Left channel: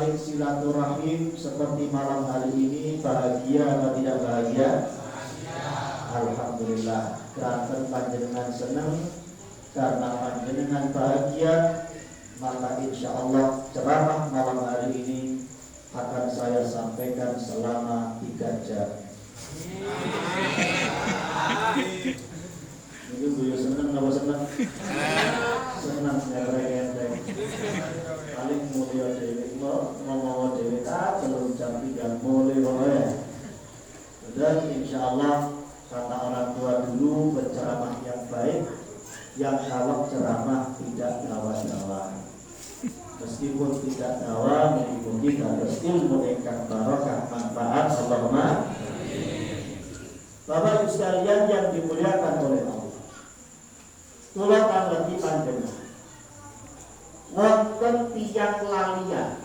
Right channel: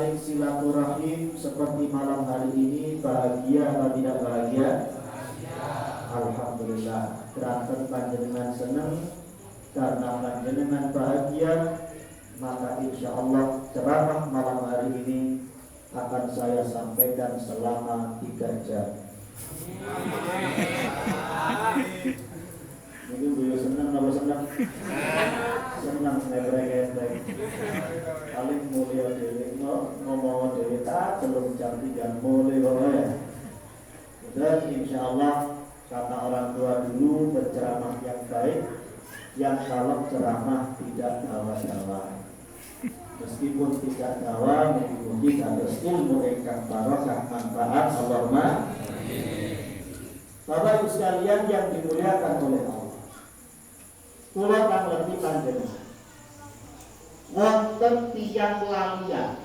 saling silaturahim seperti malam hari ini, bahagia atau tidak bahagia? Alhamdulillah. Kerana panjenengan senang, karena panjenengan bahagia, maka insya Allah ceramah malam hari ini akan saya sampaikan selama 3 jam. Ini beliau senang, apa senang? Senang saya berendeng. Paling mulia dewi, ngomong dewi tak belum jam 3 mulia ya. Dan insya Allah kata orang tua dulu berceramah yang baik, yang kalau ceramah tidak dawa-dawa. Meskipun tidak dawa, mungkin harus ilmu ingkang barokah manfaat. Allahumma. Bapak Ibu sekalian yang dimuliakan oleh Allah, kula kang lebih panjenengan wonten tiyang lalian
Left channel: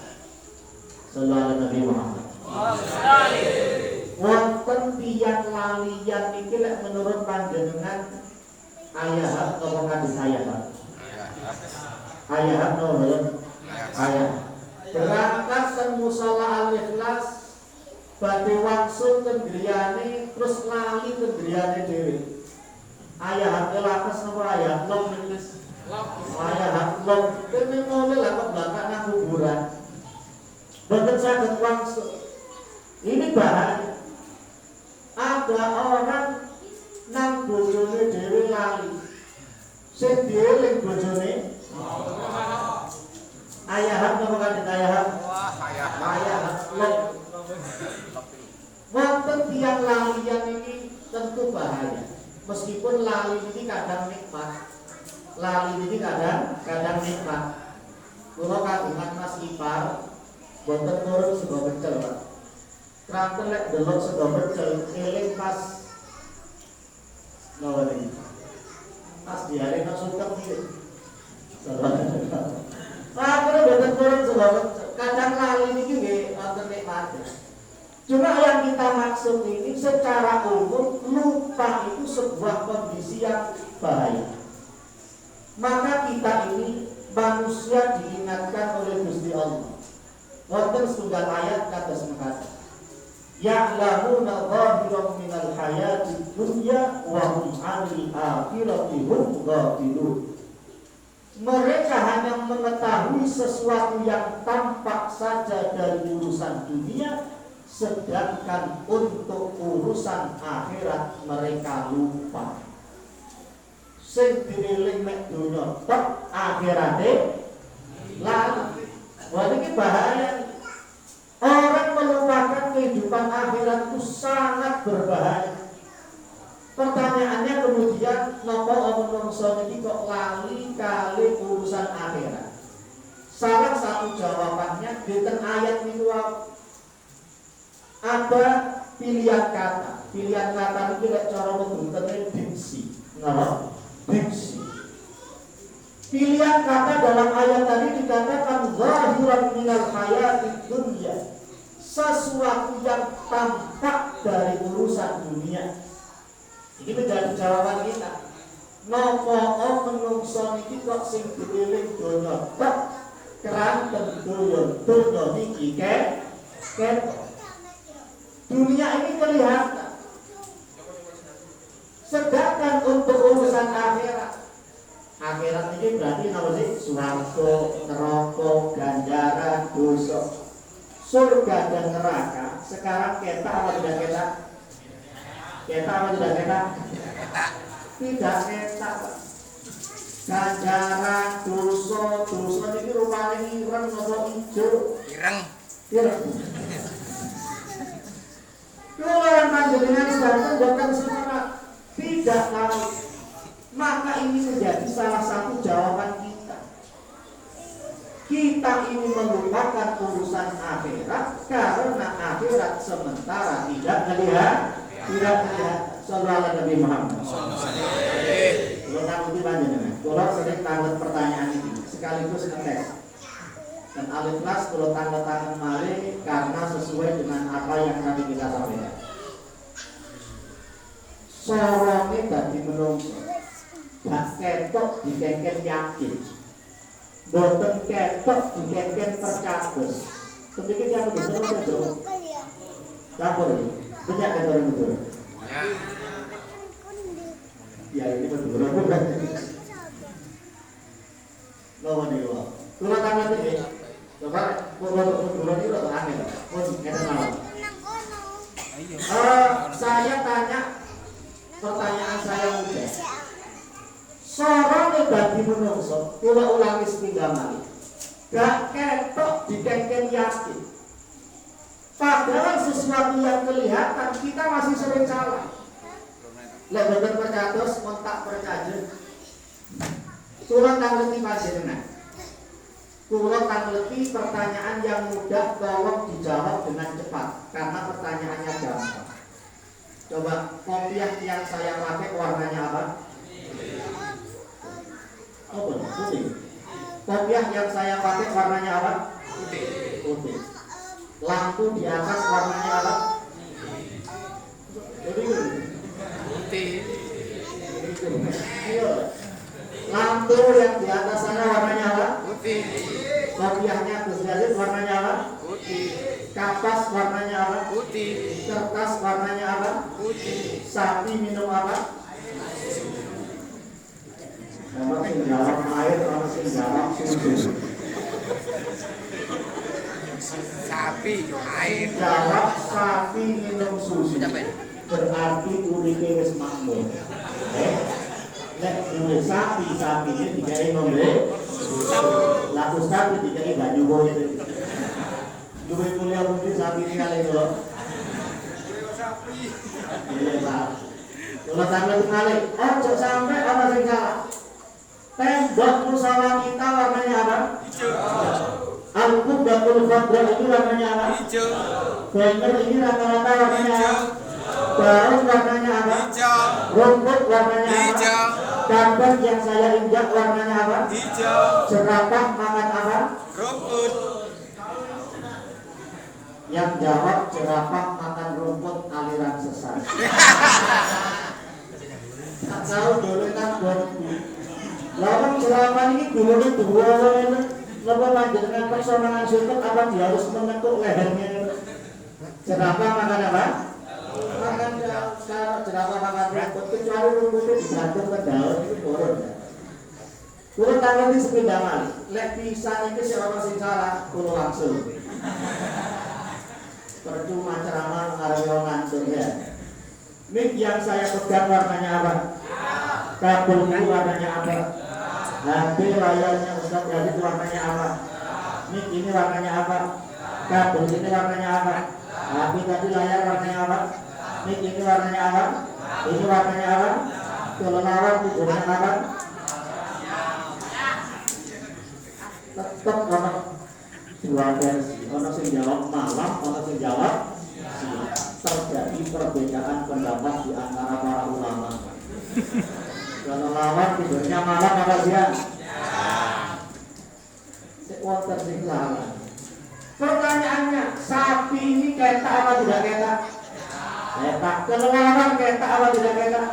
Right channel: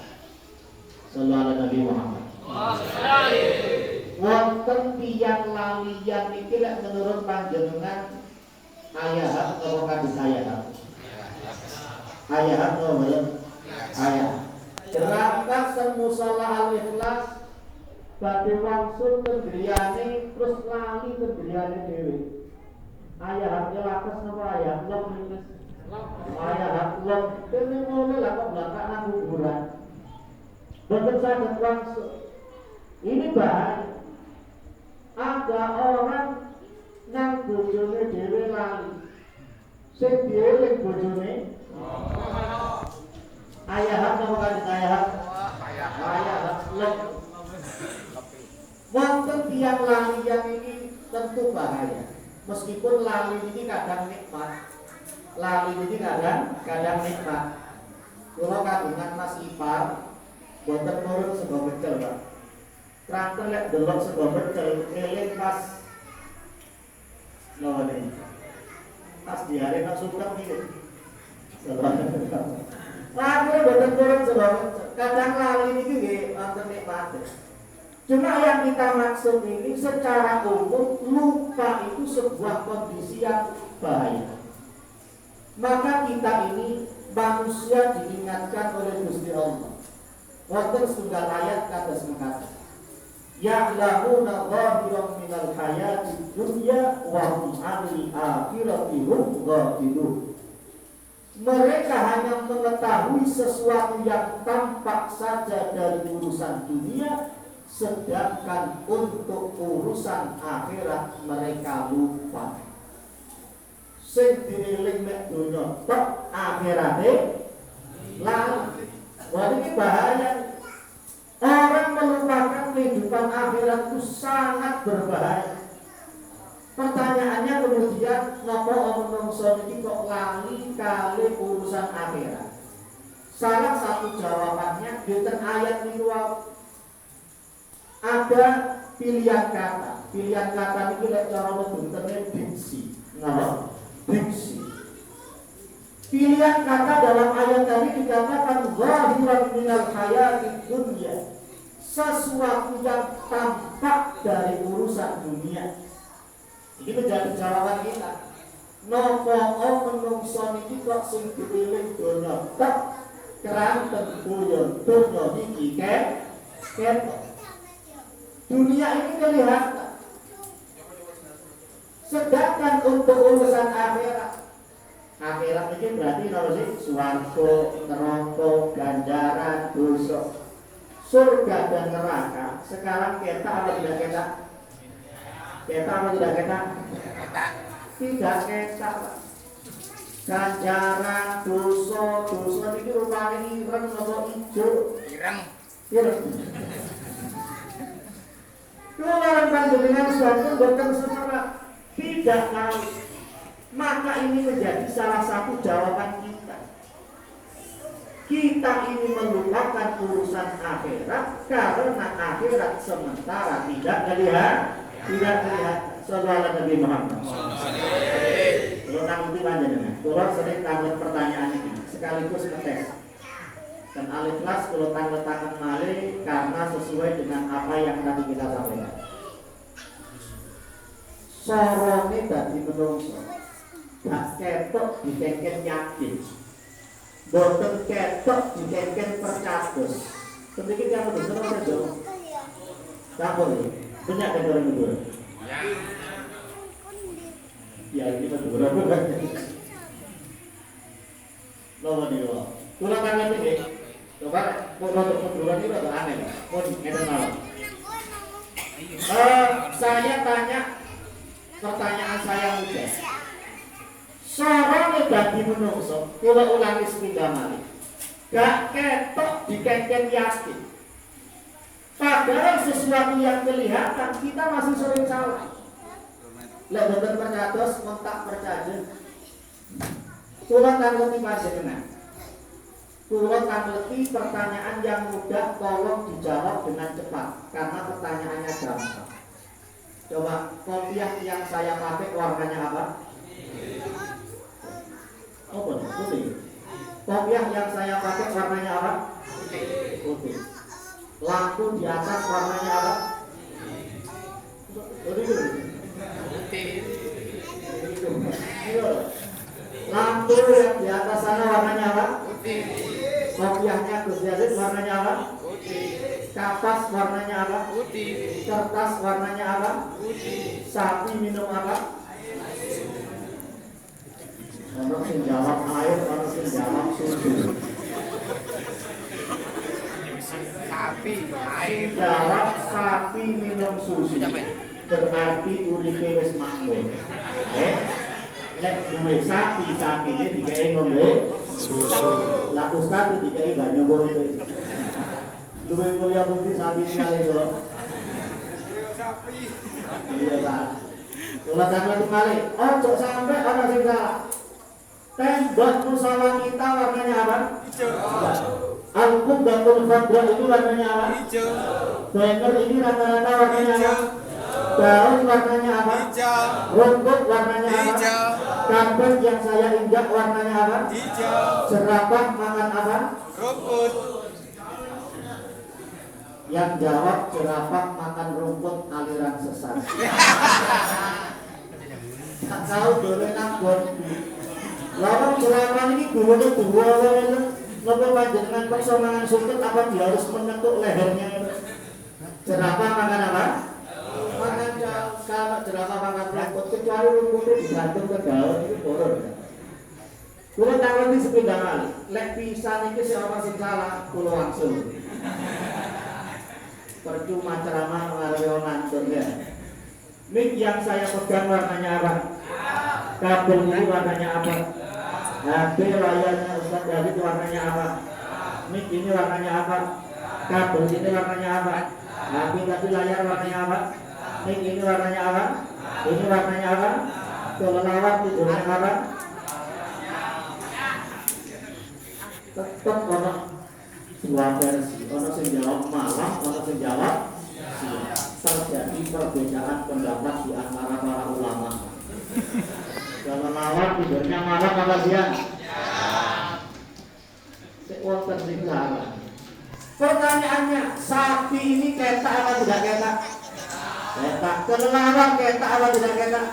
sallallahu Nabi Muhammad. Wonten tiyang lalian iki lek menurut panjenengan ayat atau hadis ayat? Ayat nomor ayat. Berangkat semusalah al-ikhlas badhe wangsul kendriyane terus lali kendriyane dhewe. Ayat lakas napa ayat lok menes. Ayat lok dene ngono lah kok belakang nang kuburan. Boten saged wangsul. Ini bahaya. Ada orang nang bojone dhewe lali. Sing dieling bojone ayah napa kanjeng ayah? Ayah lek wonten tiyang lalian ini tentu bahaya. Meskipun lali ini kadang nikmat. Lali ini kadang nikmat. Kula kagungan Mas Ipar boten nurut sego pecel, Pak. Kranten lek delok sego pecel eling pas none. Pas diare nang suket iki. Lalu boten nurut sego pecel. Kadang lali iki nggih wonten nikmat. Cuma yang kita maksud ini secara umum lupa itu sebuah kondisi yang bahaya. Maka kita ini manusia diingatkan oleh Gusti Allah. Wonten setunggal ayat kados mekaten. Ya'lamuna dhahiran minal hayati dunya wa hum 'anil akhirati hum ghafilun. Mereka hanya mengetahui sesuatu yang tampak saja dari urusan dunia, sedangkan untuk urusan akhirat mereka lupa. Sing dieling mek donya tok akhirate lali. Wah ini bahaya. Orang melupakan kehidupan akhirat itu sangat berbahaya. Pertanyaannya kemudian napa menungso iki kok lali kali urusan akhirat? Salah satu jawabannya di ayat niku ada pilihan kata. Pilihan kata itu lek cara menggunakan diksi. Napa? Diksi. Pilihan kata dalam ayat tadi dikatakan zahiran minal hayatid dunya. Sesuatu yang tampak dari urusan dunia. Ini menjadi jawaban kita. Napa menungso niki kok sing dieling donya tok keranten donya niki ketok. Dunia ini kelihatan. Sedangkan untuk urusan akhirat ini berarti apa sih? Swarga, neraka, ganjaran, dosa, surga dan neraka. Sekarang kita apa tidak kita? Kita apa tidak kita? Tidak kita. Ganjaran, dosa ini rupanya ireng atau hijau? Ireng. Kalau orang panjenengan sedang bukan semua tidak tahu, maka ini menjadi salah satu jawaban kita. Kita ini melupakan urusan akhirat karena akhirat sementara tidak terlihat. Sallallahu Nabi Muhammad. Kalau tangguti panjenengan, kalau sering tanggut pertanyaan ini sekaligus ngetes. Dan al-ikhlas kalau tanggung malih karena sesuai dengan apa yang tadi kita sampaikan. Sorone dadi menungso, gak ketok dikengken yakin, boten ketok dikengken percabus. Sedikit yang betul saja. Campur ini. Banyak kan orang betul. Ya ini betul. Lawan ini loh. Tulang tangan ini. Coba bulan ini udah aneh. Pun ngeten malam. Saya tanya pertanyaan saya mudah. Sorone dadi menungso, kula ulangi sepindhah malih. Gak ketok dikengken yakin. Padahal sesuatu yang kelihatan kita masih sering salah. Lek boten percados kontak percaya. Kula tangleti panjenengan. Kula tangleti pertanyaan yang mudah tolong dijawab dengan cepat karena pertanyaannya gampang. Coba kopiah yang saya pakai warnanya apa? Apa? Putih. Kopiah yang saya pakai warnanya apa? Putih. Lampu di atas warnanya apa? Putih. Lampu yang di atas sana warnanya apa? Putih. Kopiahnya Gus Yazid warnanya apa? Putih. Kapas warnanya apa? Putih. Kertas warnanya apa? Putih. Sapi minum apa? Orang yang jawab air, orang yang jawab susu. Sapi, air. Jawab sapi minum susu. Berarti uripe wis makmur. Nek duwe sapi ini digawe ngombe susu. Lah ustaz digawe banyu bote. Duwe mulia bukti sapi sekali kok. Sapi. Iya, Pak. Kalau sampai dibalik, ojo sampai orang sing salah. Tembok musola kita warnanya apa? Hijau. Al-Qubbatul Khadra itu warnanya apa? Hijau. Banner ini rata-rata warnanya apa? Daun warnanya apa? Hijau. Rumput warnanya apa? Hijau. Karpet yang saya injak warnanya apa? Hijau. Jerapah makan apa? Rumput. Yang jawab jerapah makan rumput aliran sesat. Tak tahu dulu nak lawan selama ini dulunya dua orang ngopo panjenengan personalan suket apa dia harus menekuk lehernya itu. Jerapah makan apa? Makan daun. Kalau jerapah makan rumput kecuali rumputnya digantung ke daun itu boron. Kulo tangan di sepindah malih. Lek pisan iki sing ana sing salah kulo langsung. Percuma ceramah ngarepe ngantur ya. Mik yang saya pegang warnanya apa? Kabel ini warnanya apa? HP layarnya Ustaz Yazid warnanya apa? Mik ini warnanya apa? Kabel ini warnanya apa? HP tadi layar warnanya apa? Mik ini warnanya apa? Ini warnanya apa? Kelelawar tidurnya apa? Tetap ono dua versi. Ono sing jawab malam, ono sing jawab terjadi perbedaan pendapat di antara para ulama. Kalau lawan tidurnya malam apa siang? Sekuat sing salah. Pertanyaannya, sapi ini ketak apa tidak ketak? Ketak. Kelelawar ketak apa tidak ketak?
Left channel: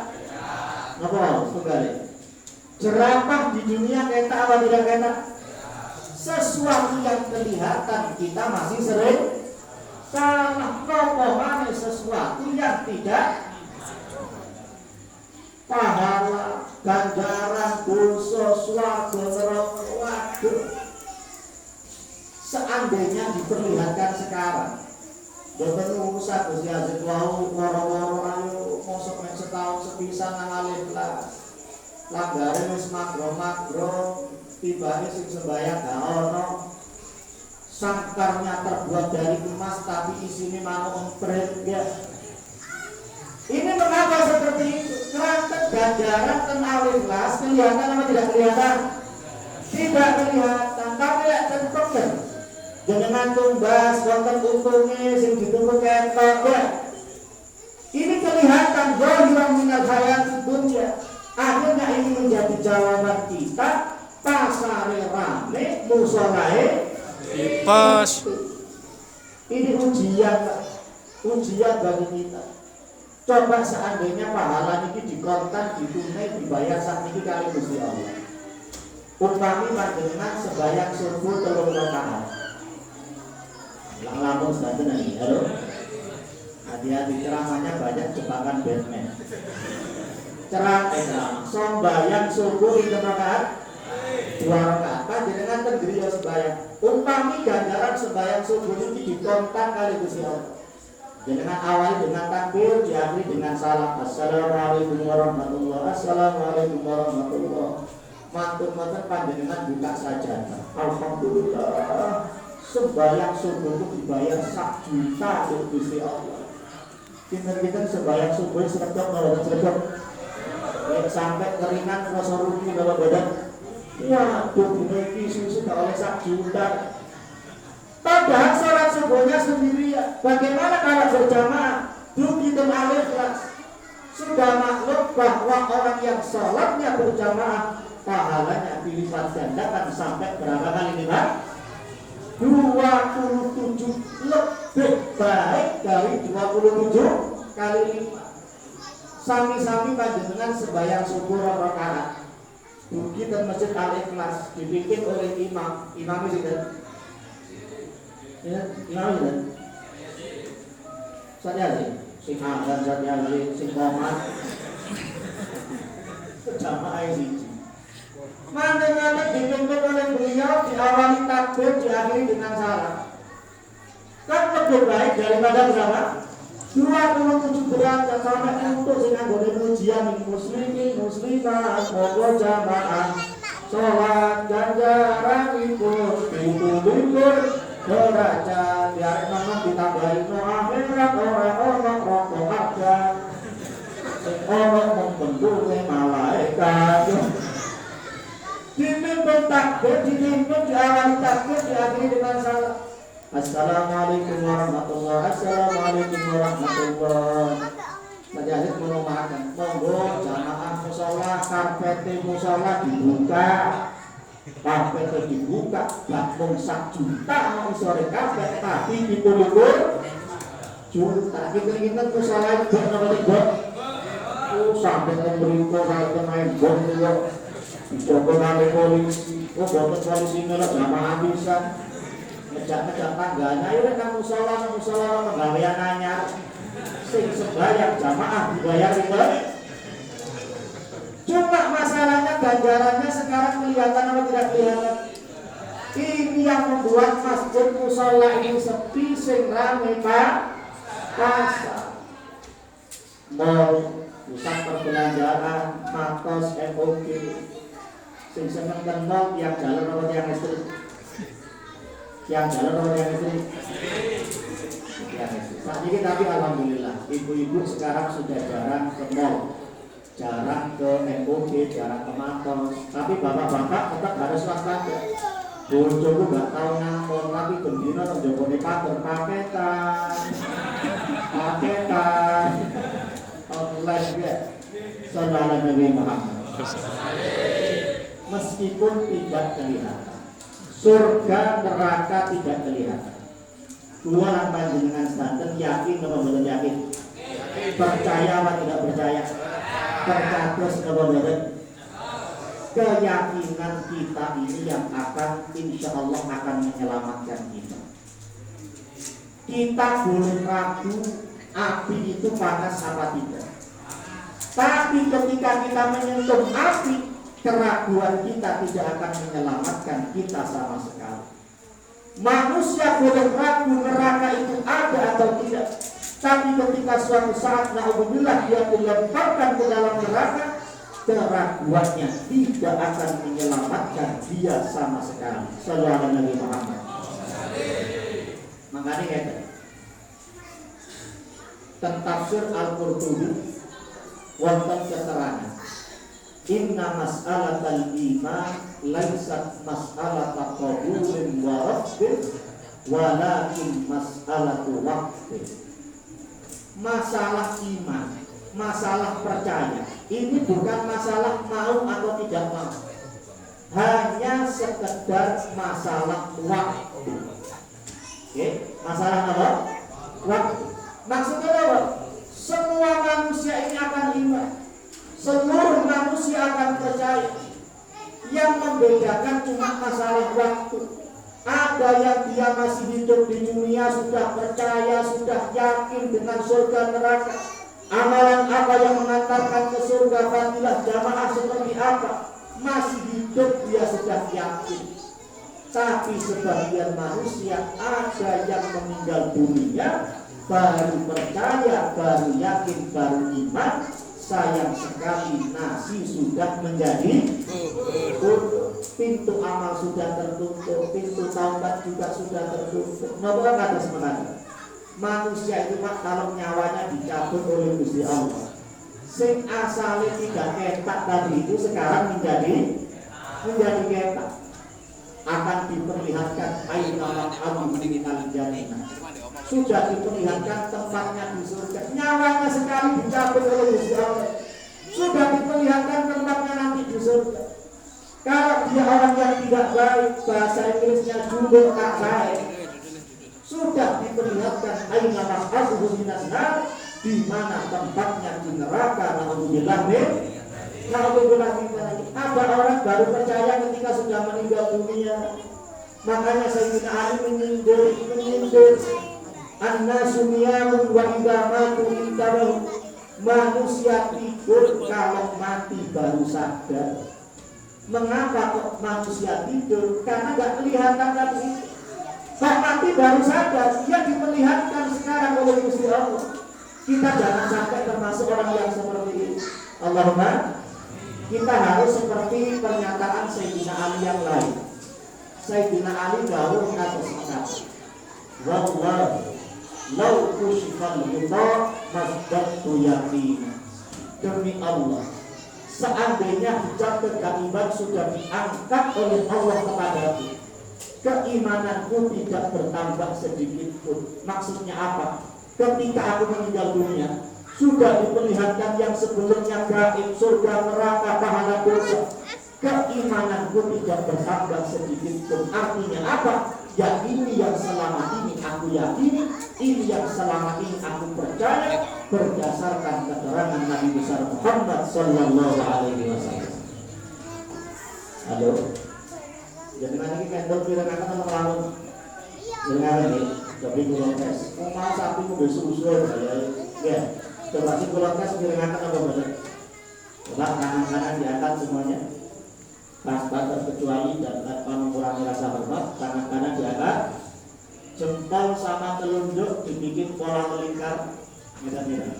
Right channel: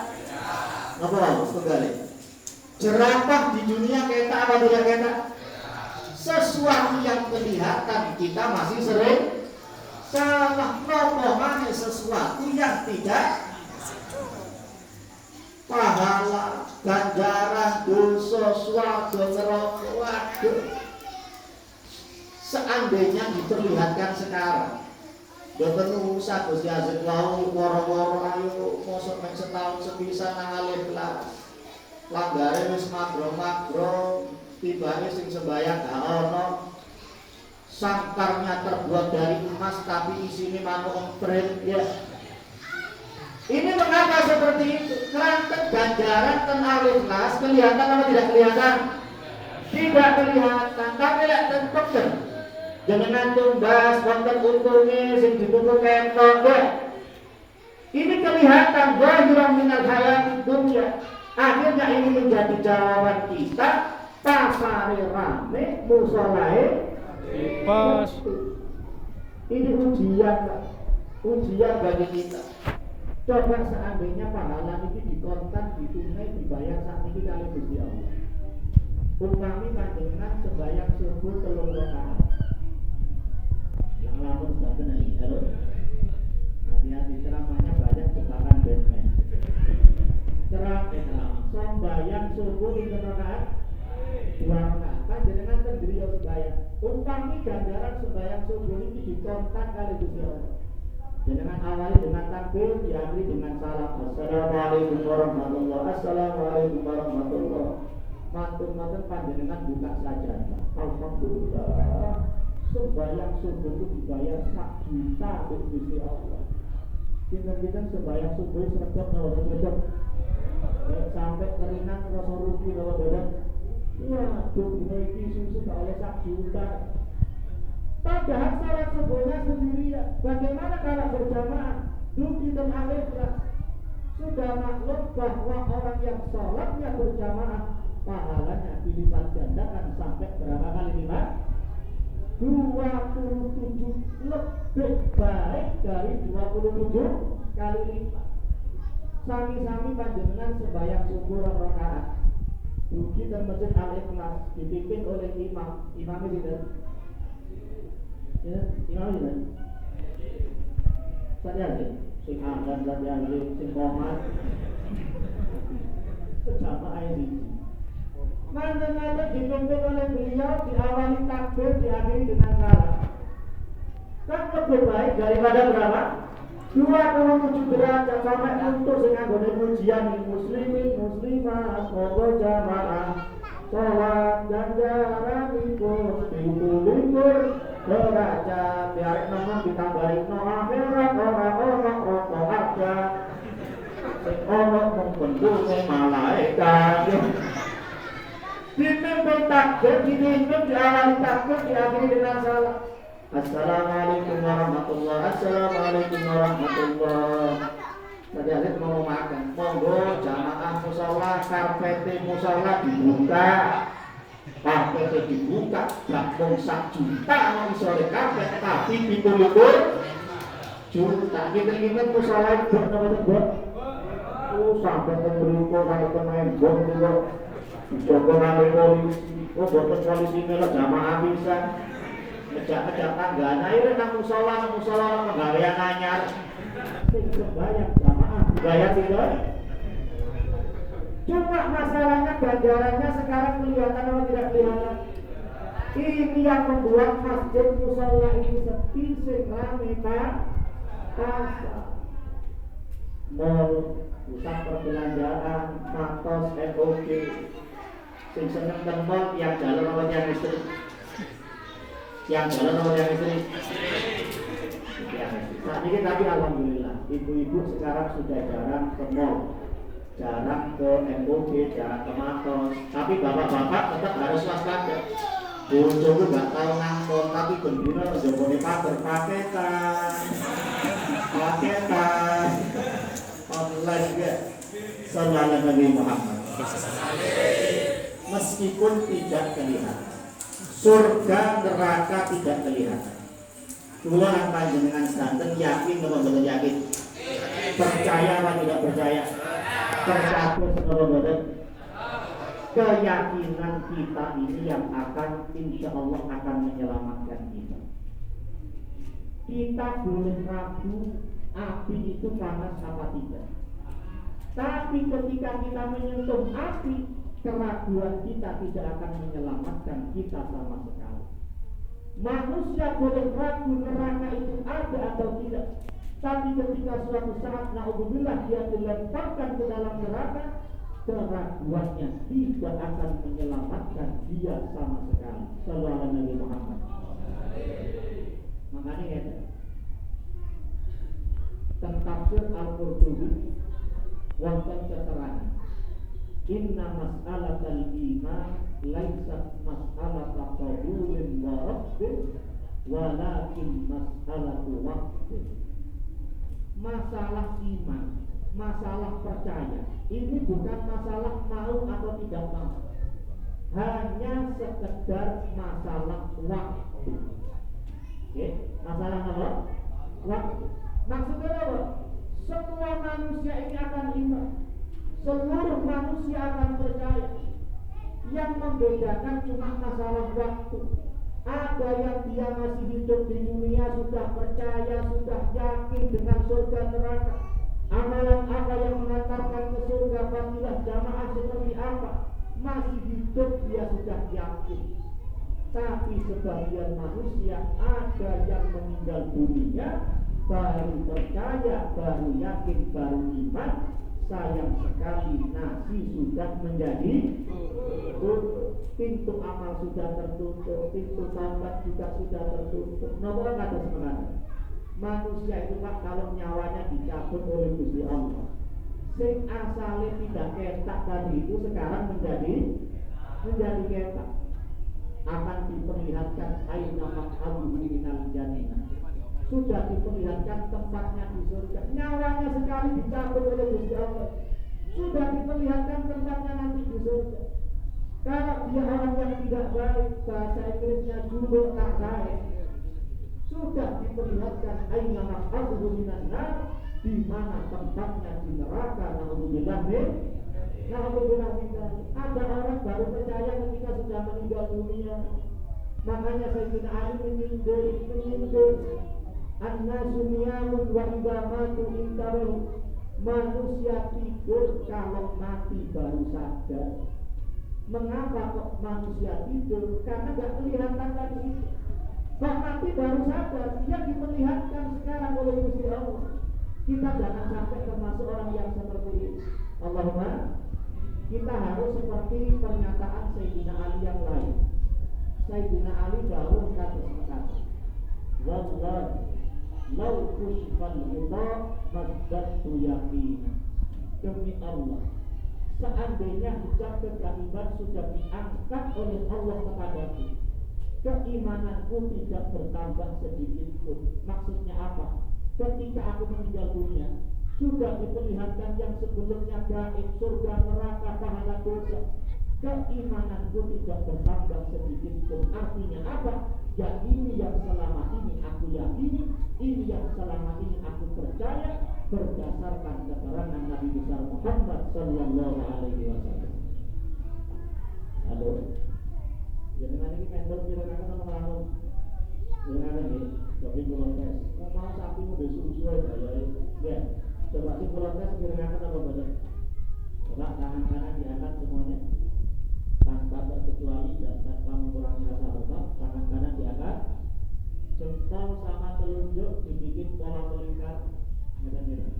Apa? Sekali. Jerapah di dunia ketak apa tidak ketak? Sesuatu yang kelihatan kita masih sering salah. Ngomongane sesuatu yang tidak pahala, ganjaran, dosa, swarga, neraka. Waduh. Seandainya diperlihatkan sekarang, boten usah Gus Yazid wau woro-woro ayo mosok nek setahun sepisan nang alih kelas. Langgare wis magro-magro, tibane sing sembayang gak ono. Sangkarnya terbuat dari emas tapi isinya manuk emprit ya. Ini mengapa seperti itu? Kelantan ganjaran ten alif las kelihatan apa tidak kelihatan? Tidak kelihatan. Tapi lihat tentukan. Jangan tumbas wonten untungnya sing dituntut ketok ya. Ini kelihatan zahiran minal hayatid dunya. Akhirnya ini menjadi jawaban kita. Pasare rame, musolahe pas. Ini ujian bagi kita. Coba seandainya pahala ini dikontan, ditunai, dibayar saat ini kali Gusti Allah. Upami panjenengan sembahyang subuh 3 rakaat. Banten ini, halo. Hati-hati ceramahnya banyak jebakan Batman. Ceramah sembahyang subuh itu rakaat 2 rakaat. Panjenengan terdiri ya sembahyang. Umpami ganjaran sembahyang subuh ini ditonton kali Gusti Allah. Dengan awal dengan takbir, diakhiri dengan salam. Assalamualaikum warahmatullahi wabarakatuh. Assalamualaikum warahmatullahi wabarakatuh. Mantun-mantun panjenengan buka saja. Alhamdulillah. Sembahyang subuh itu dibayar 1 juta untuk Gusti Allah. Kita sembahyang subuh sedekap kalau sedekap. Sampai keringat rasa rugi dalam badan. Waduh, ini susu tak oleh 1 juta. Padahal sholat subuhnya sendirian. Bagaimana kalau berjamaah? Dugi dan al-ikhlas. Sudah maklum bahwa orang yang sholatnya berjamaah pahalanya dilipat gandakan sampai berapa kali lipat? 27 lebih baik dari 27 kali lipat. Sami-sami panjenengan sembahyang subuh rakaat. Dugi dan masjid al-ikhlas dipimpin oleh imam. Imam itu ya, imam itu saya sih, sing azan saya sih, sing qomat jamaah ini. Mandengan dipimpin oleh beliau, diawali takbir, diakhiri dengan salam. Kan lebih baik daripada berapa? 27 derajat sampai untuk sing anggone pujian muslimin muslimat moga jamaah salat ganjaran ikut dikulur derajat biar memang ditambahin no akhirat orang-orang rokok aja orang membentuknya malaikat dipimpin takbir dipimpin diawali takbir diakhiri dengan salam. Assalamualaikum warahmatullahi wabarakatuh. Assalamualaikum warahmatullahi wabarakatuh. Tadi Alif mau makan. Monggo jamaah musola karpet musola dibuka. Karpet dibuka. Gak mung 1 juta mau sore karpet tapi 27 juta. Kita musola itu namanya bot. Sampai pemberito sampai pemain bot itu. Dicoba oleh polisi. Boten polisi ini lah jamaah bisa. Ngejak-ngejak tangganya ini kan musola pegawaian anyar sing sembahyang jamaah dibayar itu. Cuma masalahnya ganjarannya sekarang kelihatan atau tidak kelihatan. Ini yang membuat masjid musola ini sepi sing rame pasar mall pusat perbelanjaan matos MOG sing seneng teng mall yang jalur yang listrik yang jalan nomor yang istri saat ini. Tapi alhamdulillah ibu-ibu sekarang sudah jarang ke mall, jarang ke MOG, jarang ke matos. Tapi bapak-bapak tetap harus waspada. Bojoku gak tahu ngangkon tapi gendino njobone paketan online ya. Sallallahu Nabi Muhammad. Meskipun tidak kelihatan, surga neraka tidak kelihatan. Dua panjenengan santen yakin atau belum yakin? Percaya atau tidak percaya? Percatus atau belum? Keyakinan kita ini yang akan insya Allah akan menyelamatkan kita. Kita boleh ragu api itu panas apa tidak. Tapi ketika kita menyentuh api, keraguan kita tidak akan menyelamatkan kita sama sekali. Manusia boleh ragu neraka itu ada atau tidak, tapi ketika suatu saat na'udzubillah dia dilemparkan ke dalam neraka, keraguannya tidak akan menyelamatkan dia sama sekali. Sallallahu Alaihi Muhammad. Makanya ya, tafsir Al-Qurtubi wonten keterangan inna mas'alatal iman laisat mas'alata qabulin wa rabbin walakin mas'alatu waqtin. Masalah iman, masalah percaya ini bukan masalah mau atau tidak mau, hanya sekedar masalah waktu. Oke, masalah apa? Waktu. Maksudnya apa? Semua manusia ini akan iman, seluruh manusia akan percaya. Yang membedakan cuma masalah waktu. Ada yang dia masih hidup di dunia sudah percaya, sudah yakin dengan surga neraka. Amalan apa yang mengantarkan ke surga, fadilah jamaah seperti apa, masih hidup dia sudah yakin. Tapi sebagian manusia ada yang meninggal dunia baru percaya, baru yakin, baru iman. Sayang sekali nasi sudah menjadi tutup, pintu amal sudah tertutup, pintu taubat juga sudah tertutup. Kenapa kata sebenarnya? Manusia itu Pak, kalau nyawanya dicabut oleh Gusti Allah, sing asalnya tidak ketak tadi itu sekarang menjadi ketak, akan diperlihatkan aina abu minal jannah, sudah diperlihatkan tempatnya di surga. Nyawanya sekali dicabut oleh Gusti Allah, sudah diperlihatkan tempatnya nanti di surga. Kalau dia orang yang tidak baik, bahasa Inggrisnya jubur tak baik, sudah diperlihatkan aina maq'aduhu minan nar, di mana tempatnya di neraka. Naudzubillah min. Ada orang baru percaya ketika sudah meninggal dunia. Makanya Sayyidina Ali menyindir annasu niyamun wa idza matu intabahu. Manusia tidur, kalau mati baru sadar. Mengapa kok manusia tidur? Karena gak kelihatan tadi. Pak mati baru sadar, dia diperlihatkan sekarang oleh Gusti Allah. Kita jangan sampai termasuk orang yang seperti ini. Allahumma, kita harus seperti pernyataan Sayyidina Ali yang lain. Sayyidina Ali dawuh atas kata, wallahi law kushifal ghita masdaqtu yaqina. Demi Allah, seandainya hijab kegaiban sudah diangkat oleh Allah kepadaku, keimananku tidak bertambah sedikit pun. Maksudnya apa? Ketika aku meninggal dunia, sudah diperlihatkan yang sebelumnya gaib, surga, neraka, pahala dosa, keimananku tidak bertambah sedikit pun. Artinya apa? Ya ini yang selama ini aku yakini, ini yang selama ini aku percaya, berdasarkan keterangan Nabi besar Muhammad sallallahu alaihi wasallam. Halo. Jadi nanti kendor pirang akan melawan. Dengar ini, tapi pulang tes. Mau sapi mobil susul ya. Coba sih pulang tes pirang akan apa benar? Coba kanan-kanan diangkat semuanya. Pas batas kecuali dan tanpa mengurangi rasa hormat, kanan-kanan diangkat. Jempol sama telunjuk dibikin pola melingkar, mirip-mirip.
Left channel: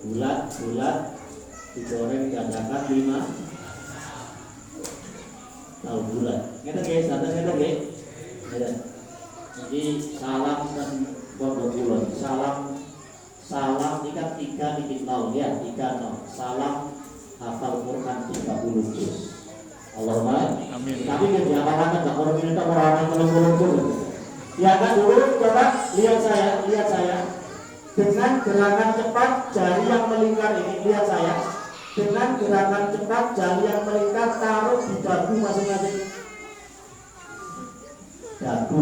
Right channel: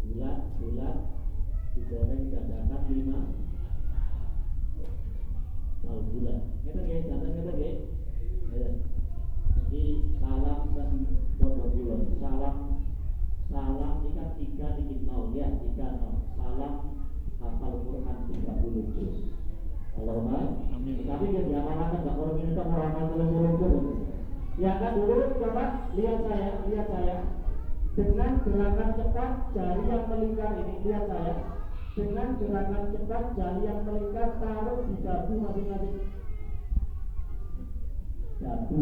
Bulat-bulat digoreng dan diangkat 5. Tahu bulat. Ngeten nggih, santen ngeten nggih. Ngeten. Jadi salam dan pondok kulon. Salam ikat 3 titik 0 ya, 30. Salam hafal Quran 30 juz. Allahumma amin. Tapi dia diapakan enggak orang ini tak orang telur-telur. Ya kan dulu coba lihat saya. Dengan gerakan cepat jari yang melingkar ini, lihat saya. Dengan gerakan cepat jari yang melingkar taruh di dagu masing-masing. Dagu.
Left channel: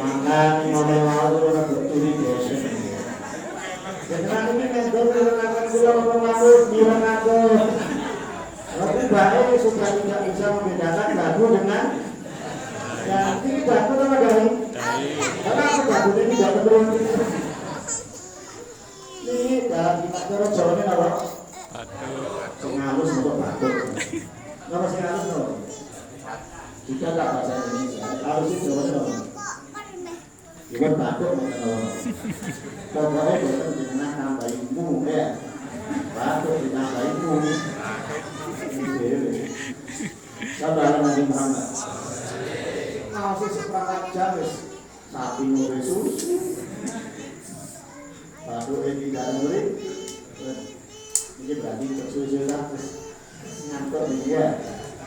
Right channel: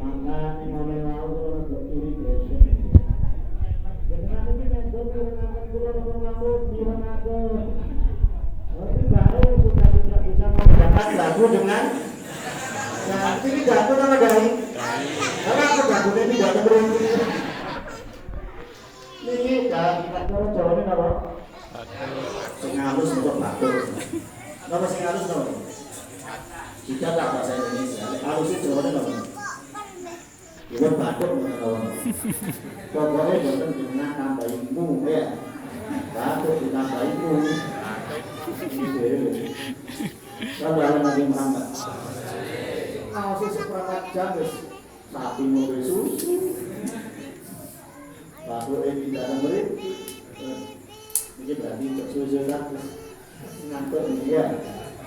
Maka ngomong-ngomong orang berturi biasa. Jangan ini mendor direnakan gula pengamus direnakan. Tapi baik sudah tidak bisa membedakan dagu dengan yang ini dagu sama dahi. Karena aku dagu ini tidak berhenti. Ini dahi cara jawabannya apa? Singalus untuk batuk. Nama singalus no? Tidak lah bahasa Indonesia. Halus itu jawabannya no? Iwan batuk mengenal. Pokoknya bukan dengan nambahin mu ya. Batuk ditambahin mu. Kalau ada Nabi Muhammad nasi seperempat jam sapi mau susu baru ini tidak dengerin ini berarti susu kan ngantuk dia.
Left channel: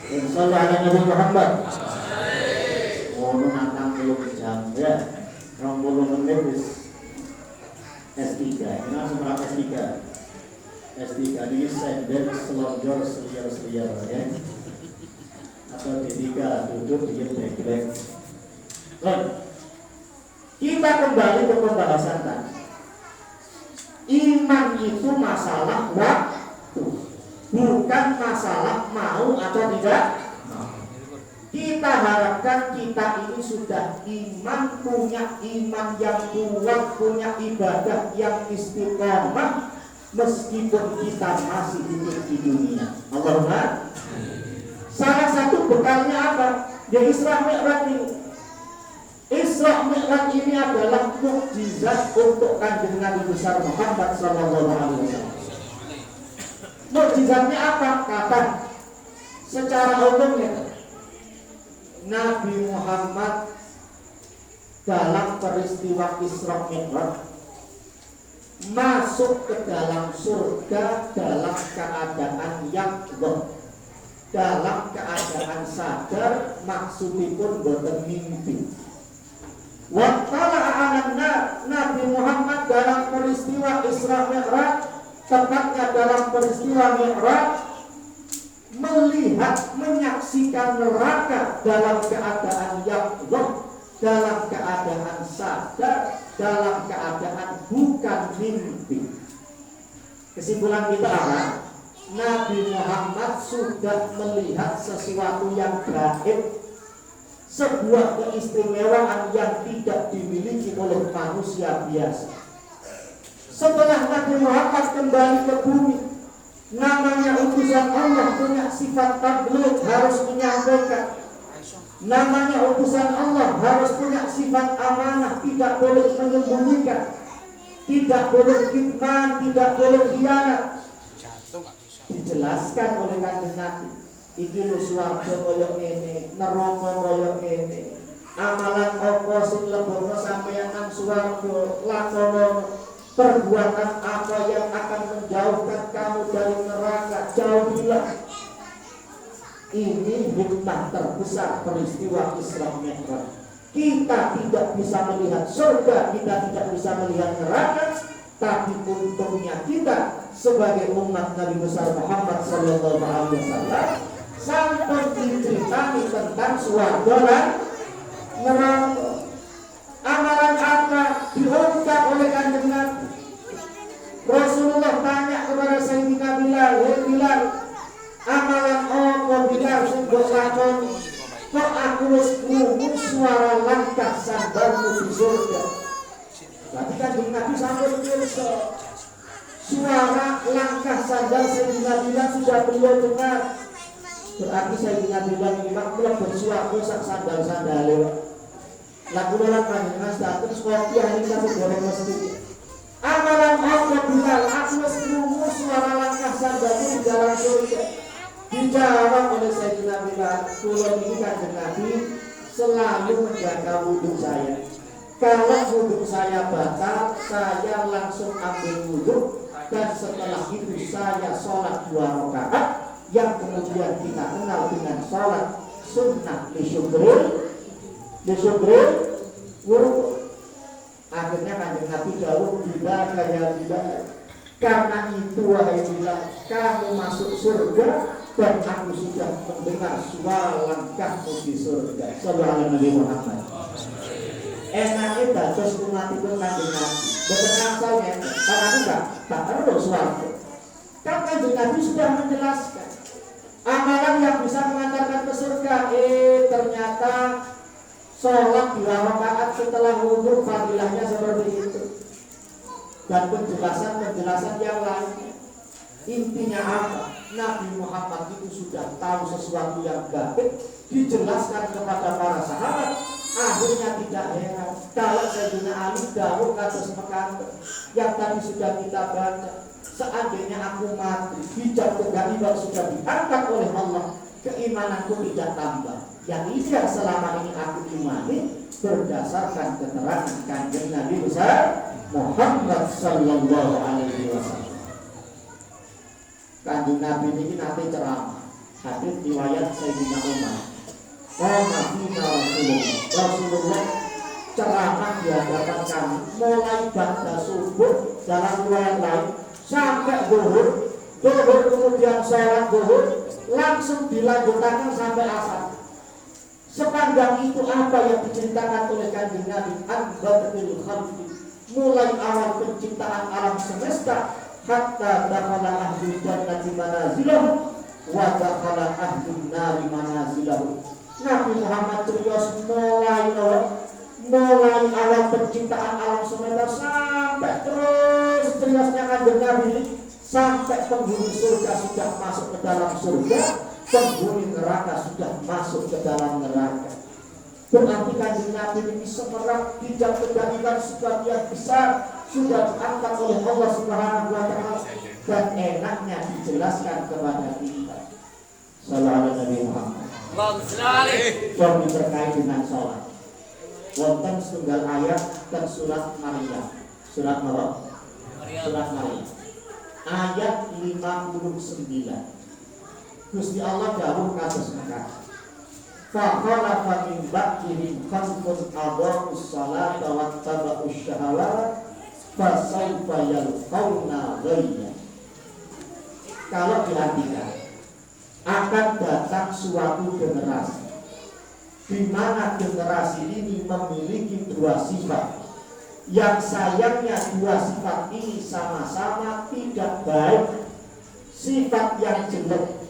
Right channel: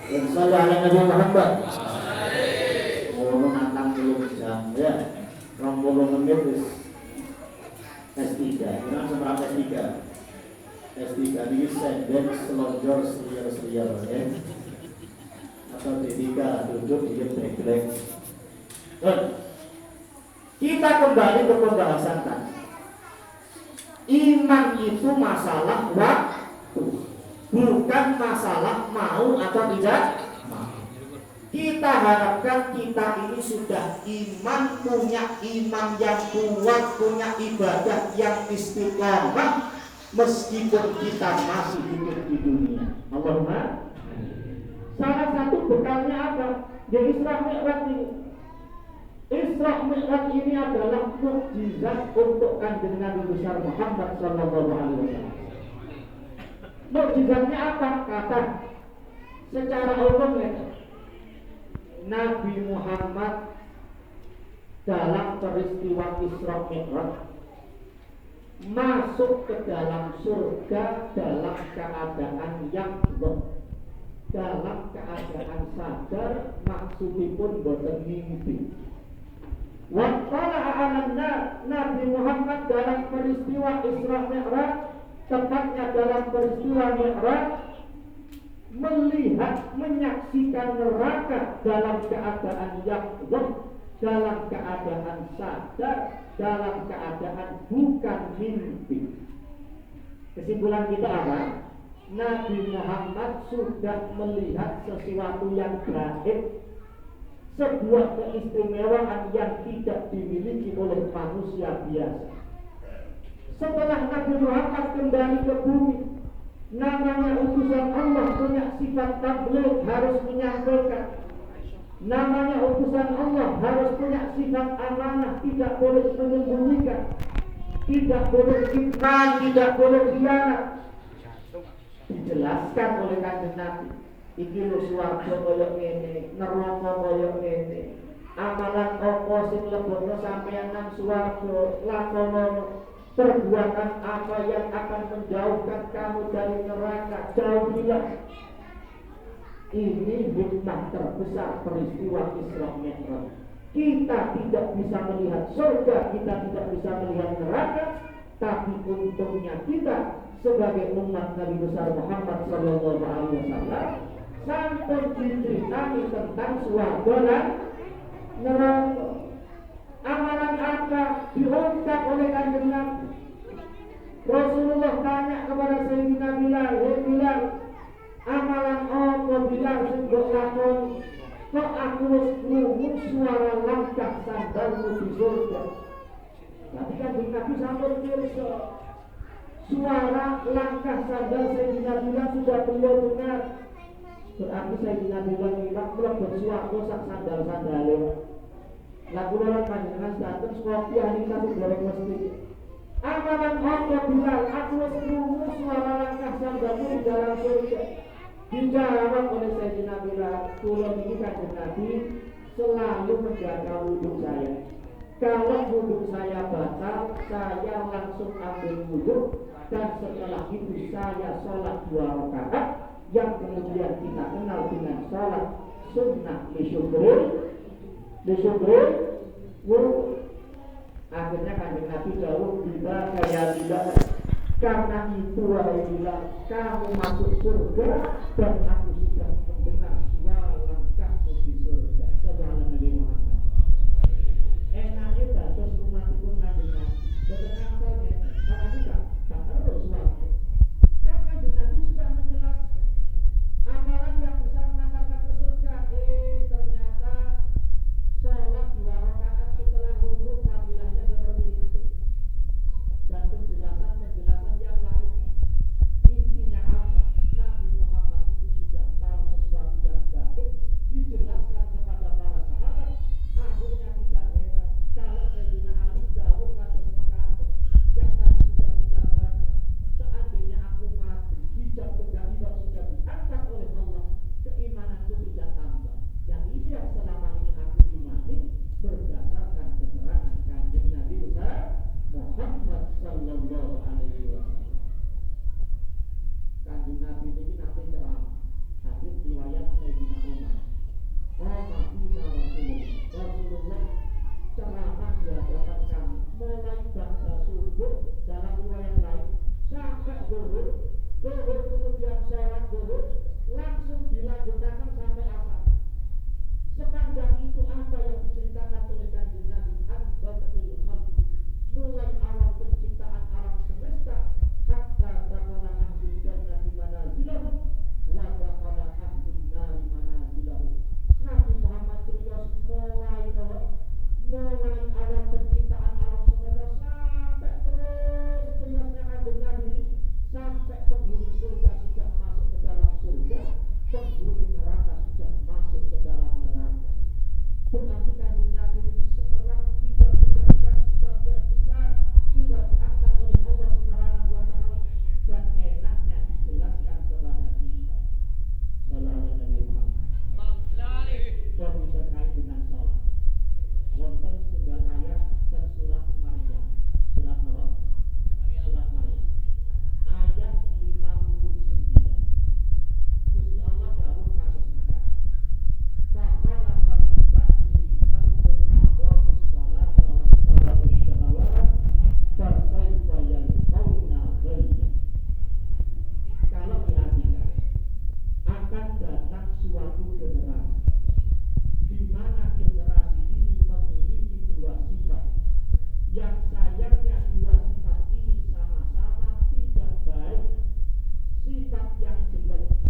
Dan selalu ada Nabi Muhammad ngomong tentang belum jam ya 20 menit S3 ini langsung berapa S3 ini sender selonjor seliar ya atau D3 duduk di background. Kita kembali ke pembahasan tadi. Iman itu masalah waktu, bukan masalah mau atau tidak. Kita harapkan kita ini sudah iman, punya iman yang kuat, punya ibadah yang istiqomah, meskipun kita masih hidup di dunia. Allahumma. Salah satu bekalnya apa? Ya Isra Mi'raj ini. Isra Mi'raj ini adalah mukjizat untuk kanjeng Nabi besar Muhammad sallallahu alaihi wasallam. Mukjizatnya apa? Kata secara umumnya Nabi Muhammad dalam peristiwa Isra Mi'raj masuk ke dalam surga dalam keadaan yaqظah, dalam keadaan sadar, maksudipun boten mimpi. Wattala alanna Nabi Muhammad dalam peristiwa Isra Mi'raj, tepatnya dalam peristiwa Mi'raj, melihat, menyaksikan neraka dalam keadaan yaqظah, dalam keadaan sadar, dalam keadaan bukan mimpi. Kesimpulan kita apa? Nabi Muhammad sudah melihat sesuatu yang gaib, sebuah keistimewaan yang tidak dimiliki oleh manusia biasa. Setelah Nabi Muhammad kembali ke bumi, namanya utusan Allah, punya sifat tabligh, harus menyampaikan. Namanya utusan Allah, harus punya sifat amanah, tidak boleh menyembunyikan, tidak boleh kitman, tidak boleh khianat. Dijelaskan oleh kanjeng Nabi, iki lho swarga kaya ngene, neraka kaya ngene, amalan apa sing lebokno sampeyan nang swarga, lakono perbuatan apa yang akan menjauhkan kamu dari neraka, jauhilah. Ini hikmah terbesar peristiwa Isra Mi'raj. Kita tidak bisa melihat surga, kita tidak bisa melihat neraka, tapi untungnya kita sebagai umat Nabi besar Muhammad sallallahu alaihi wasallam sampai diceritani tentang swarga dan neraka. Amalan apa diungkap oleh kanjeng Nabi. Rasulullah tanya kepada Sayyidina Bilal, "Hei Bilal, amalan apa Bilal sing mbok lakoni? Kok aku wis krungu suara langkah sandalmu di surga?" Berarti kanjeng Nabi sampai pirsa suara langkah sandal Sayyidina Bilal sudah beliau dengar. Berarti Sayyidina Bilal ini maklum bersuara sak sandal-sandalnya. Lagu dalam kanjeng status kopi ini kita goreng mesti. Amalan apa Bilal? Aku wis krungu suara langkah sandalmu di dalam surga. Dijawab oleh Sayyidina Bilal, kula niki kanjeng Nabi selalu menjaga wudhu saya. Kalau wudhu saya batal, saya langsung ambil wudhu, dan setelah itu saya sholat 2 rakaat yang kemudian kita kenal dengan sholat sunnah lisyukril wudhu. Akhirnya kanjeng Nabi jauh, bila kaya bila, karena itu wahai Bilal, kamu masuk surga dan aku sudah mendengar suara langkahmu di surga. Sallallahu alaihi Muhammad. Enaknya dados umatipun kanjeng Nabi. Boten asalnya, kan aku tak perlu suarga. Kan kanjeng Nabi sudah menjelaskan amalan yang bisa mengantarkan ke surga. Ternyata sholat 2 rakaat setelah wudhu fadilahnya seperti itu. Dan penjelasan yang lainnya. Intinya apa? Nabi Muhammad itu sudah tahu sesuatu yang gaib, dijelaskan kepada para sahabat. Akhirnya tidak heran kalau Sayyidina Ali dawuh kados mekaten yang tadi sudah kita baca. Seandainya aku mati, hijab kegaibah sudah diangkat oleh Allah, keimananku tidak tambah. Yang ini yang selama ini aku imani berdasarkan keterangan kanjeng Nabi besar Muhammad sallallahu alaihi wasallam. Kanjeng Nabi ini nanti ceramah. Hadis riwayat Sayyidina Umar. Rasulullah ceramah di hadapan kami mulai ba'da subuh dalam riwayat lain sampai zuhur kemudian sholat zuhur langsung dilanjutkan sampai asar. Sepanjang itu apa yang diceritakan oleh kanjeng Nabi? An-Badrul Khalqi, mulai awal penciptaan alam semesta hatta dakhala ahlul jannati manazilahu wa dakhala ahlun nari manazilahu. Nabi Muhammad Trios mulai awal penciptaan alam semesta sampai terus Triosnya kanjeng Nabi sampai penghuni surga sudah masuk ke dalam surga, penghuni neraka sudah masuk ke dalam neraka. Berarti kanjeng Nabi ini semerap tidak kendalikan sebagian besar sudah diangkat oleh Allah Subhanahu wa Ta'ala dan enaknya dijelaskan kepada kita. Sallallahu alaihi Muhammad. Yang terkait dengan sholat. Wonten setunggal ayat dan surat Maryam. Surat Maryam. Surat Maryam. Ayat 59. Gusti Allah dawuh kados mekaten. Faqala min ba'dihim khalqun adaa'us salata wattaba'us syahawat fasawfa yalqawna ghayya. Kalau diartikan akan datang suatu generasi di mana generasi ini memiliki dua sifat yang sayangnya dua sifat ini sama-sama tidak baik, sifat yang jelek.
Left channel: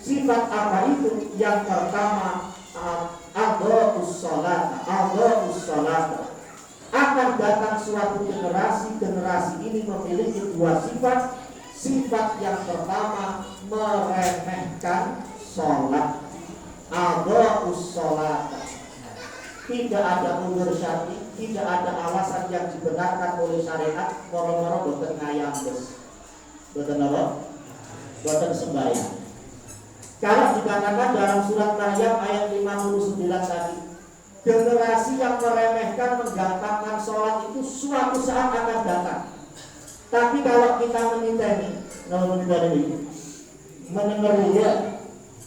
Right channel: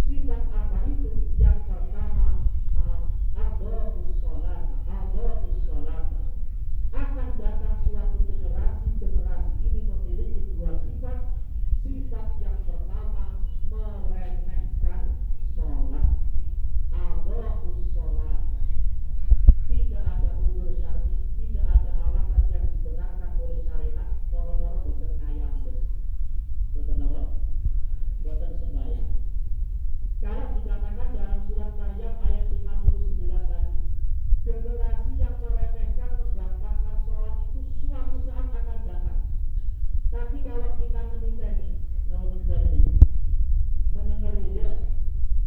Sifat apa itu? Yang pertama adaa'us salat. Akan datang suatu generasi ini memiliki dua sifat. Sifat yang pertama meremehkan sholat. Adaa'us salat. Tidak ada udzur syar'i, tidak ada alasan yang dibenarkan oleh syariat. Moro-moro boten ngayam bos. Boten apa? Boten sembahyang. Kalau dikatakan dalam surat Maryam ayat 59 tadi, generasi yang meremehkan, menggampangkan sholat itu suatu saat akan datang. Tapi kalau kita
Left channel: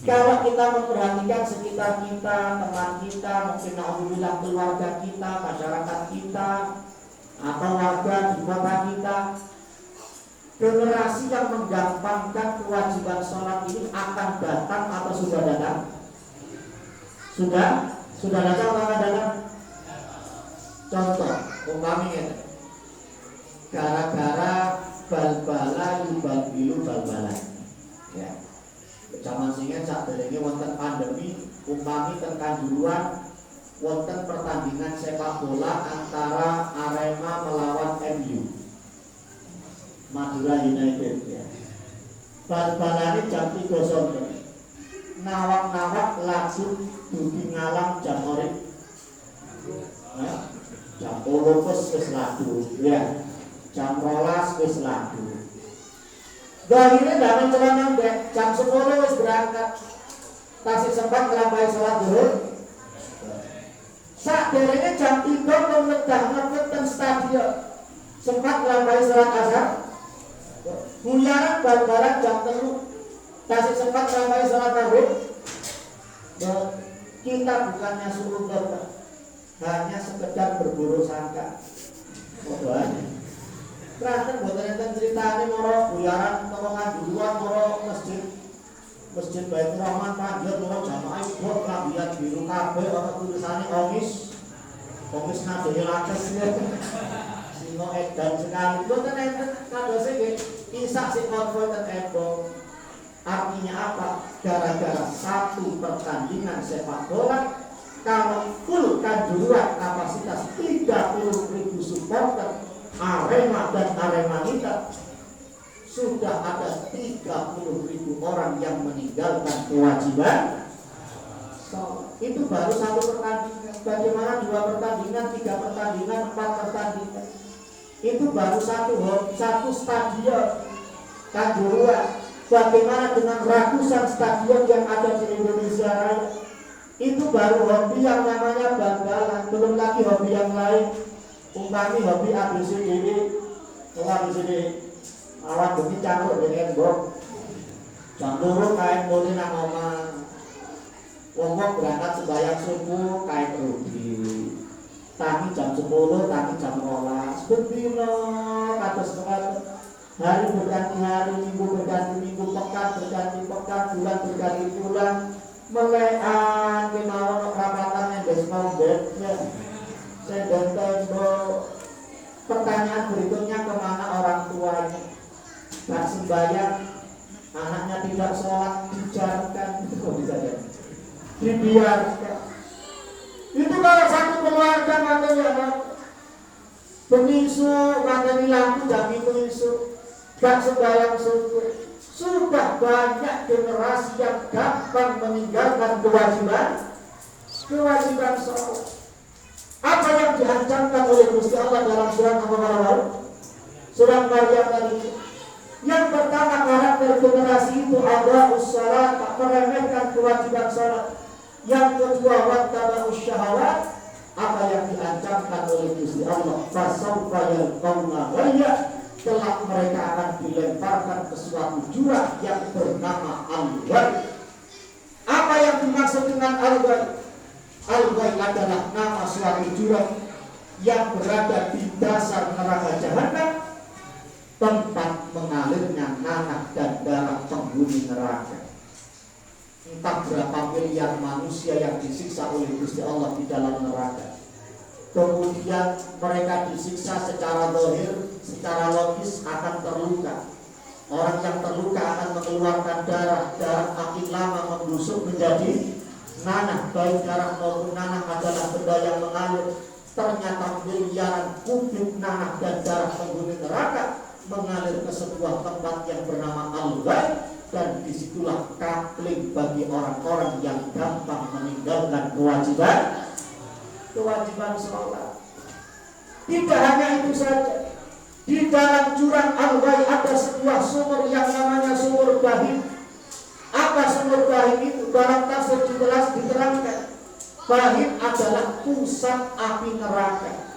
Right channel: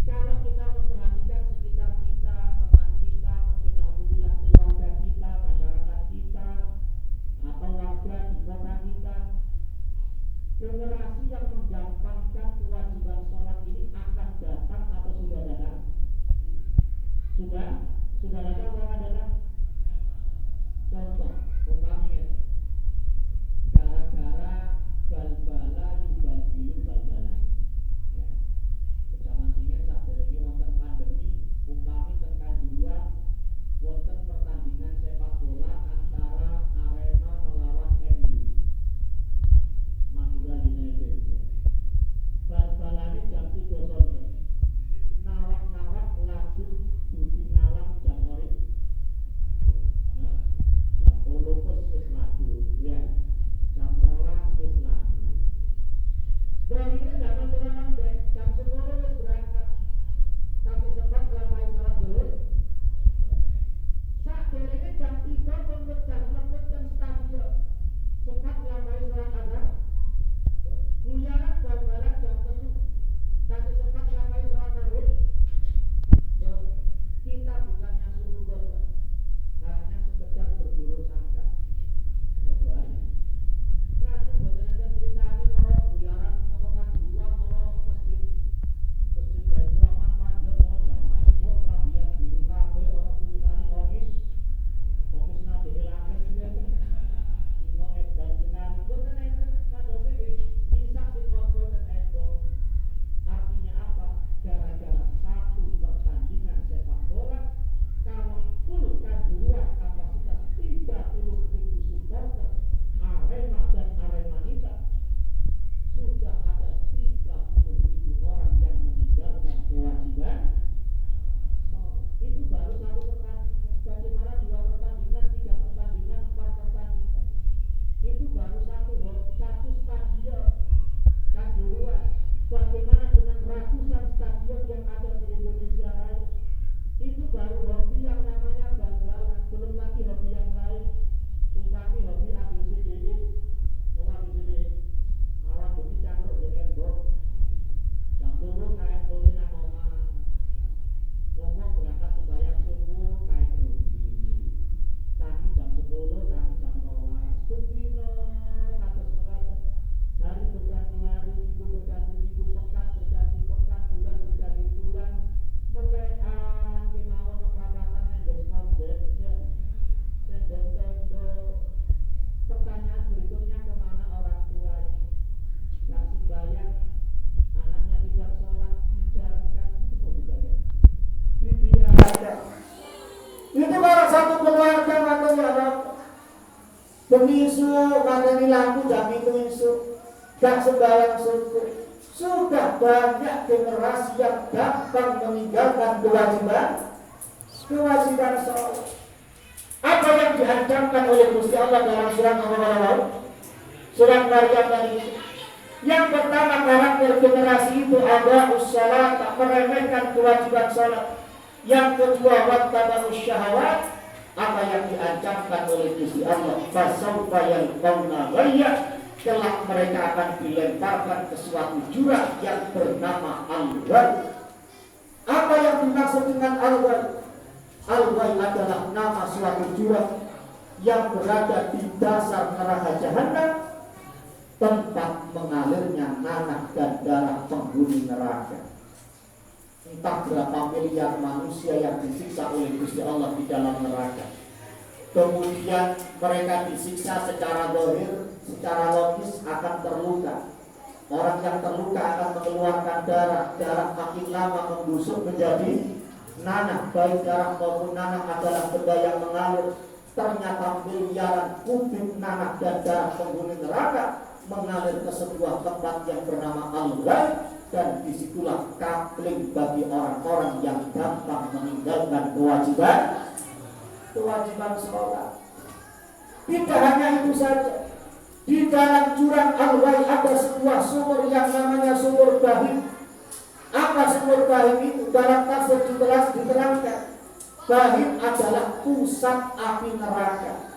kalau kita memperhatikan sekitar kita, teman kita, mungkin alhamdulillah keluarga kita, masyarakat kita, atau warga di kota kita, generasi yang menggampangkan kewajiban sholat ini akan datang atau sudah datang? Sudah datang atau akan datang? Contoh, umpamanya gara-gara bal-bala yubal-bilu bal-bala. Ya. Zaman singen saat ini wonten pandemi, umpami tekan duluan wonten pertandingan sepak bola antara Arema melawan MU. Madura United ya. Bal-balane jam 3 sore. Nawak-nawak lagu dugi ngalang jam orip. Ya. Jam 10 wis lagu ya. Jam 12 wis lagu. Dahirnya dalam celana jam 10 wis berangkat. Tasih sempat ngelampahi sholat zuhur. Saderenge jam 3 memedah ten stadion. Sempat ngelampahi sholat asar. Buyaran bal-balan jam 3 kasih sempat sampai sholat maghrib. Kita bukannya suruh berdoa, hanya sekedar berburu sangka. Doanya. Terus buatan enten ceritane moro buyaran tolongan duluan moro masjid Baitur Rahman panjat moro jamaah ikut lambian biru kabeh ana tulisane omis nadhe lakes. Sino edan sekali boten enten kadose nggih isak sing konvoy ten Embong. Artinya apa? Gara-gara satu pertandingan sepak bola kalau full kanjuruan kapasitas 30.000 supporter Arema dan Aremanita sudah ada 30.000 orang yang meninggalkan kewajiban sholat. Itu baru satu pertandingan. Bagaimana 2 pertandingan, 3 pertandingan, 4 pertandingan? Itu baru satu stadion Kanjuruhan. Bagaimana dengan ratusan stadion yang ada di Indonesia Raya? Itu baru hobi yang namanya bal-balan, belum lagi hobi yang lain. Umpami hobi ABCD, ABCD awan bumi campur dengan embok. Jam 2 kain mulai nang omah. Wong berangkat sembahyang subuh kain rugi. Tadi jam 10, tadi jam 12. Bendino kados kados. Hari berganti hari, minggu berganti minggu, pekan berganti pekan, bulan berganti bulan. Melekan kemauan rapatan yang desmond bed. Saya tembok Pertanyaan berikutnya, kemana orang tuanya? Gak sembahyang, anaknya tidak sholat, dijarkan, itu kok bisa jadi? Dibiarkan. Itu kalau satu keluarga katanya pemisu, katanya lampu jam itu isu, gak sembahyang subuh. Sudah banyak generasi yang gampang meninggalkan kewajiban sholat. Apa yang diancamkan oleh Gusti Allah dalam surat Al-Maryam? Surat Maryam tadi. Yang pertama, karakter generasi itu ada usaha tak meremehkan kewajiban sholat. Yang kedua, wattaba'us syahawat. Apa yang diancamkan oleh Gusti Allah? Fasawfa yalqawna ghayya. Kelak mereka akan dilemparkan ke suatu jurang yang bernama Al-Ghayy. Apa yang dimaksud dengan Al-Ghayy? Al-Ghayy adalah nama suatu jurang yang berada di dasar neraka jahanam, tempat mengalirnya nanah dan darah penghuni neraka. Entah berapa miliar manusia yang disiksa oleh Gusti Allah di dalam neraka. Kemudian mereka disiksa secara zahir, secara logis akan terluka. Orang yang terluka akan mengeluarkan darah makin lama membusuk menjadi nanah. Baik darah maupun nanah adalah benda yang mengalir. Ternyata miliaran kubik nanah dan darah penghuni neraka mengalir ke sebuah tempat yang bernama Al-Ghayy, dan disitulah kakling bagi orang-orang yang gampang meninggalkan kewajiban sholat. Tidak hanya itu saja, di dalam jurang Al-Ghayy ada sebuah sumur yang namanya sumur Bahim. Apa sumur Bahim itu? Dalam tafsir diterangkan, Bahim adalah pusat api neraka.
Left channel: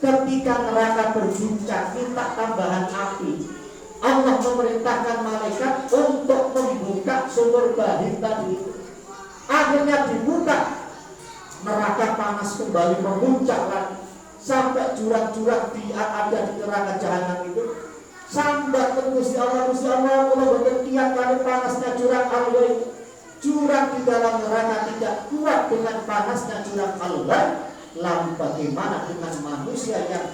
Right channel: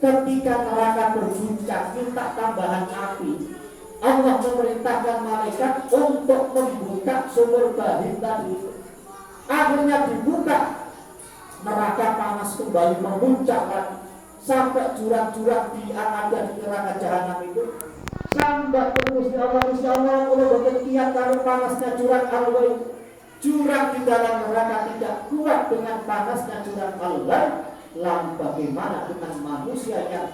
Ketika neraka berguncang minta tambahan api, Allah memerintahkan malaikat untuk membuka sumur Bahim tadi. Akhirnya dibuka, neraka panas kembali memuncak lagi sampai jurang-jurang ada di neraka jahanam itu. Sampai Gusti Allah kalau berkekian kalau panasnya jurang Al-Ghayy. Jurang di dalam neraka tidak kuat dengan panasnya jurang Al-Ghayy. Lalu bagaimana dengan manusia yang